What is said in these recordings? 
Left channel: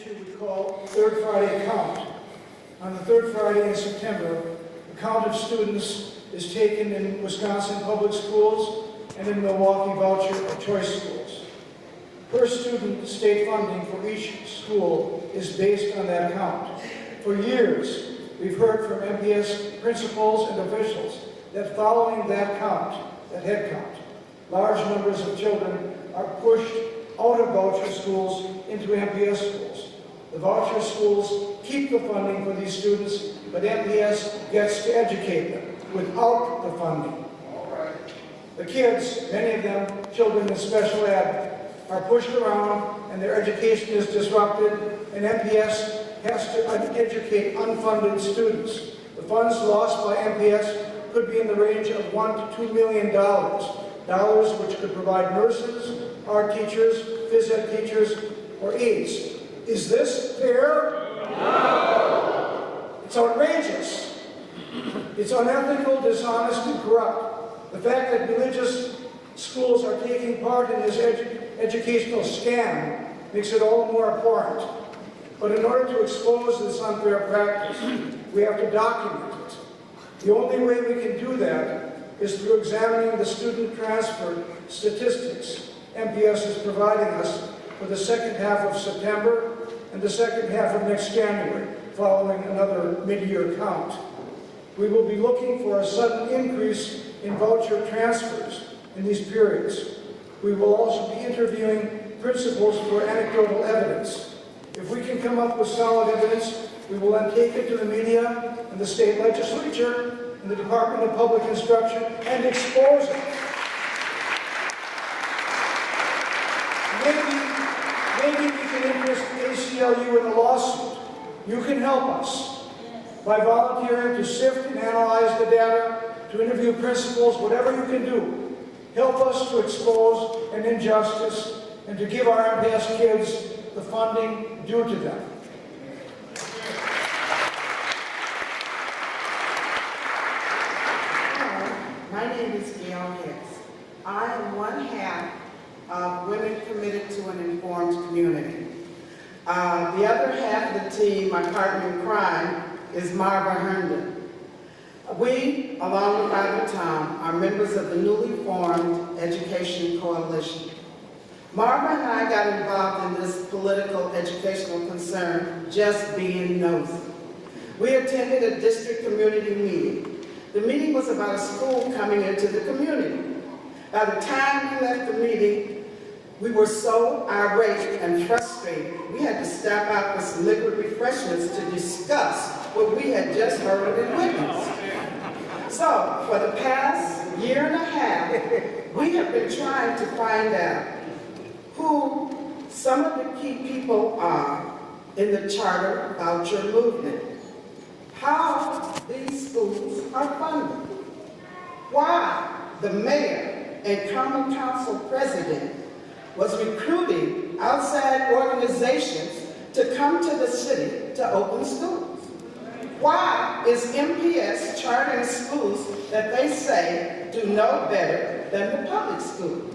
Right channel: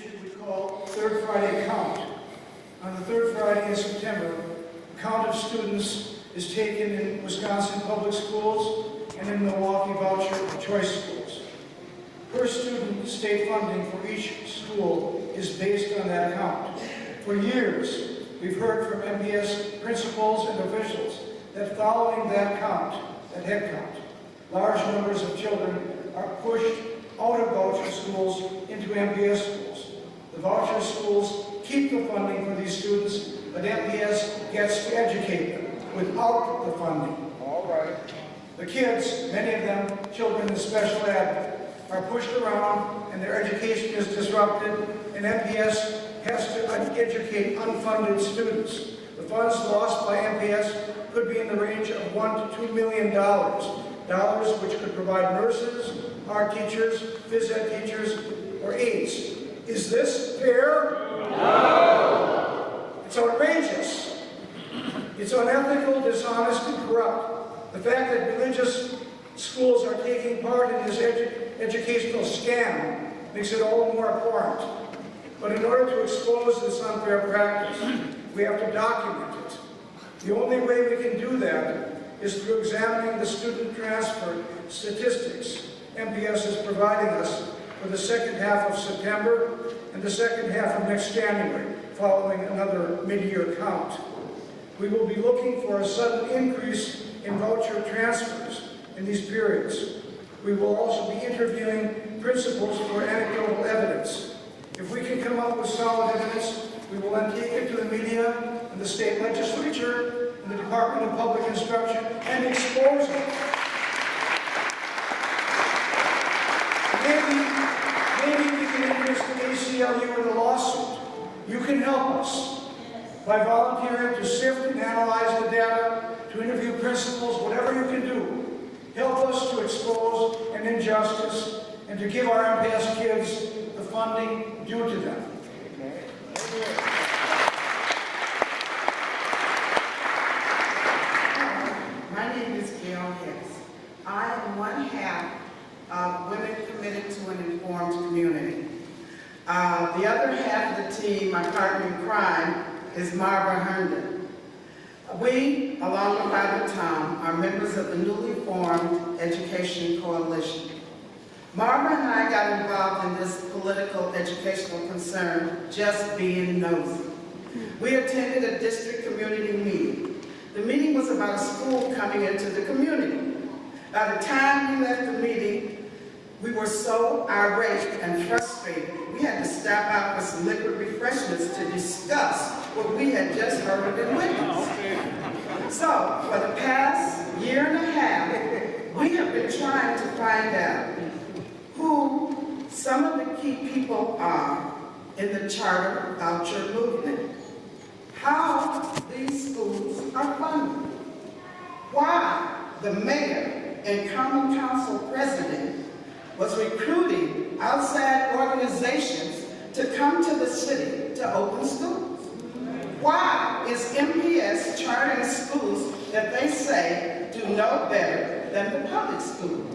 issue we call Third Friday Count. On the third Friday in September, a count of students is taken in Wisconsin public schools and in Milwaukee voucher or choice schools. Per student state funding for each school is based on that count. For years, we've heard from MPS principals and officials that following that count, that head count, large numbers of children are pushed out of voucher schools into MPS schools. The voucher schools keep the funding for these students, but MPS gets to educate them without the funding. The kids, many of them children in special ed, are pushed around and their education is disrupted, and MPS has to educate unfunded students. The funds lost by MPS could be in the range of $1 to $2 million, dollars which could provide nurses, art teachers, phys ed teachers, or aides. Is this fair? No! It's outrageous. It's unethical, dishonest, and corrupt. The fact that religious schools are taking part in this educational scam makes it all the more abhorrent. But in order to expose this unfair practice, we have to document it. The only way we can do that is through examining the student transfer statistics MPS is providing us for the second half of September and the second half of next January, following another mid-year count. We will be looking for a sudden increase in voucher transfers in these periods. We will also be interviewing principals for anecdotal evidence. If we can come up with solid evidence, we will then take it to the media and the state legislature and the Department of Public Instruction and expose it. Maybe we can interest ACLU in a lawsuit. You can help us by volunteering to sift and analyze the data, to interview principals, whatever you can do. Help us to expose an injustice and to give our MPS kids the funding due to them. My name is Gail Hicks. I am one half of Women Committed to an Informed Community. The other half of the team, my partner in crime, is Marva Herndon. We, along with Robert Tom, are members of the newly formed Education Coalition. Marva and I got involved in this political educational concern just being nosy. We attended a district community meeting. The meeting was about a school coming into the community. By the time we left the meeting, we were so irate and frustrated, we had to stop out for some liquid refreshments to discuss what we had just heard and witnessed. So, for the past year and a half, we have been trying to find out who some of the key people are in the charter voucher movement, how these schools are funded, why the mayor and common council president was recruiting outside organizations to come to the city to open schools. Why is MPS chartering schools that they say do no better than the public school?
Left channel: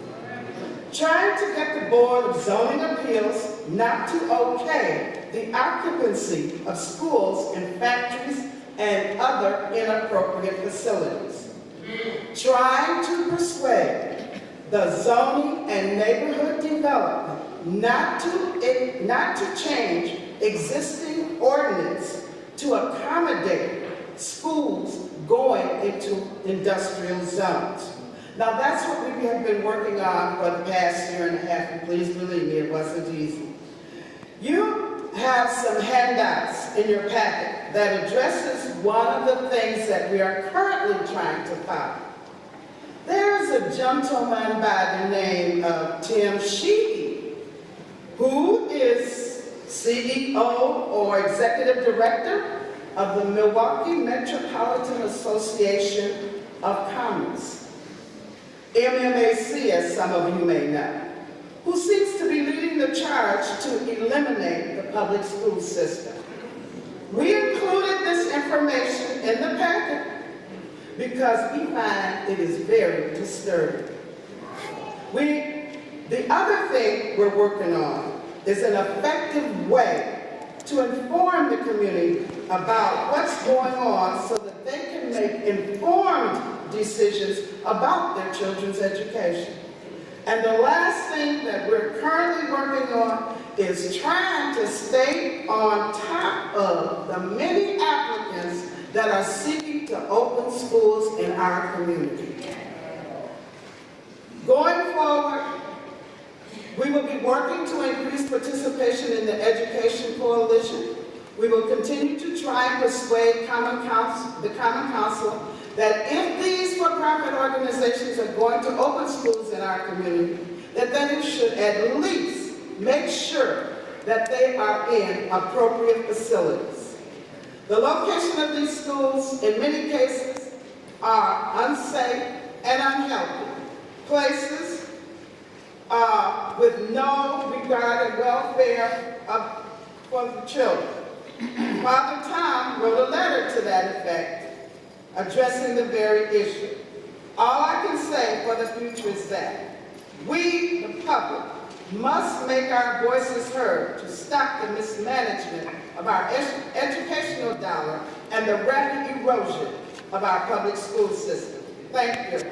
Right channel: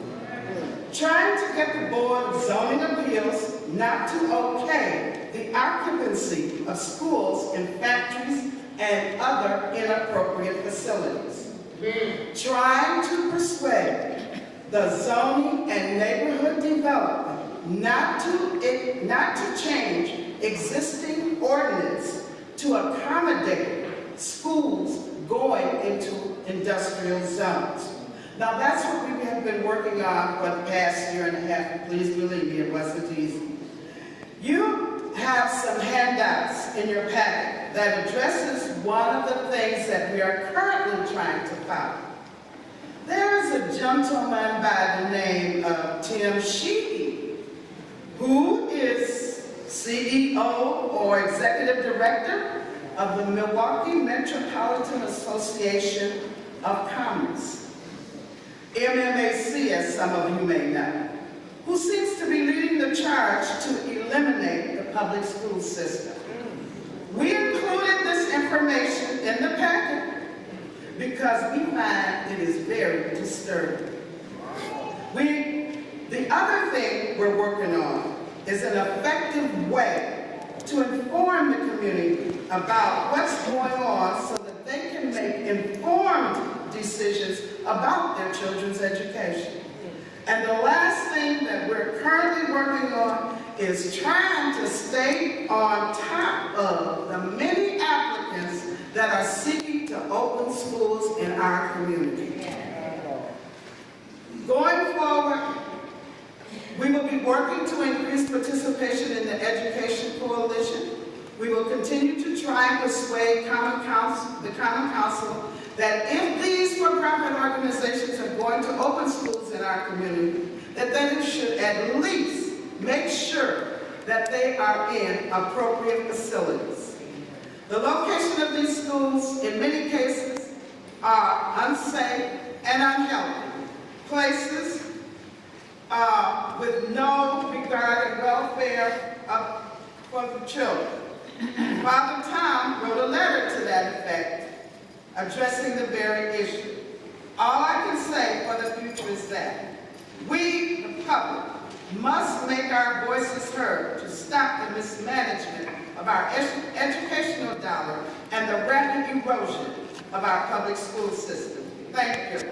Trying to get the Board of Zoning Appeals not to okay the occupancy of schools and factories and other inappropriate facilities. Trying to persuade the zoning and neighborhood development not to change existing ordinance to accommodate schools going into industrial zones. Now that's what we have been working on for the past year and a half, and please believe me, it wasn't easy. You have some handouts in your packet that addresses one of the things that we are currently trying to follow. There is a gentleman by the name of Tim Sheehy, who is CEO or Executive Director of the Milwaukee Metropolitan Association of Commerce, MMAC, as some of you may know, who seems to be leading the charge to eliminate the public school system. We included this information in the packet because we find it is very disturbing. The other thing we're working on is an effective way to inform the community about what's going on so that they can make informed decisions about their children's education. And the last thing that we're currently working on is trying to stay on top of the many applicants that are seeking to open schools in our community. Going forward, we will be working to increase participation in the Education Coalition. We will continue to try and persuade the Common Council that if these for-profit organizations are going to open schools in our community, that they should at least make sure that they are in appropriate facilities. The location of these schools, in many cases, are unsafe and unhealthy places with no regard and welfare for the children. Father Tom wrote a letter to that effect, addressing the very issue. All I can say for the future is that we, the public, must make our voices heard to stop the mismanagement of our educational dollar and the rapid erosion of our public school system. Thank you.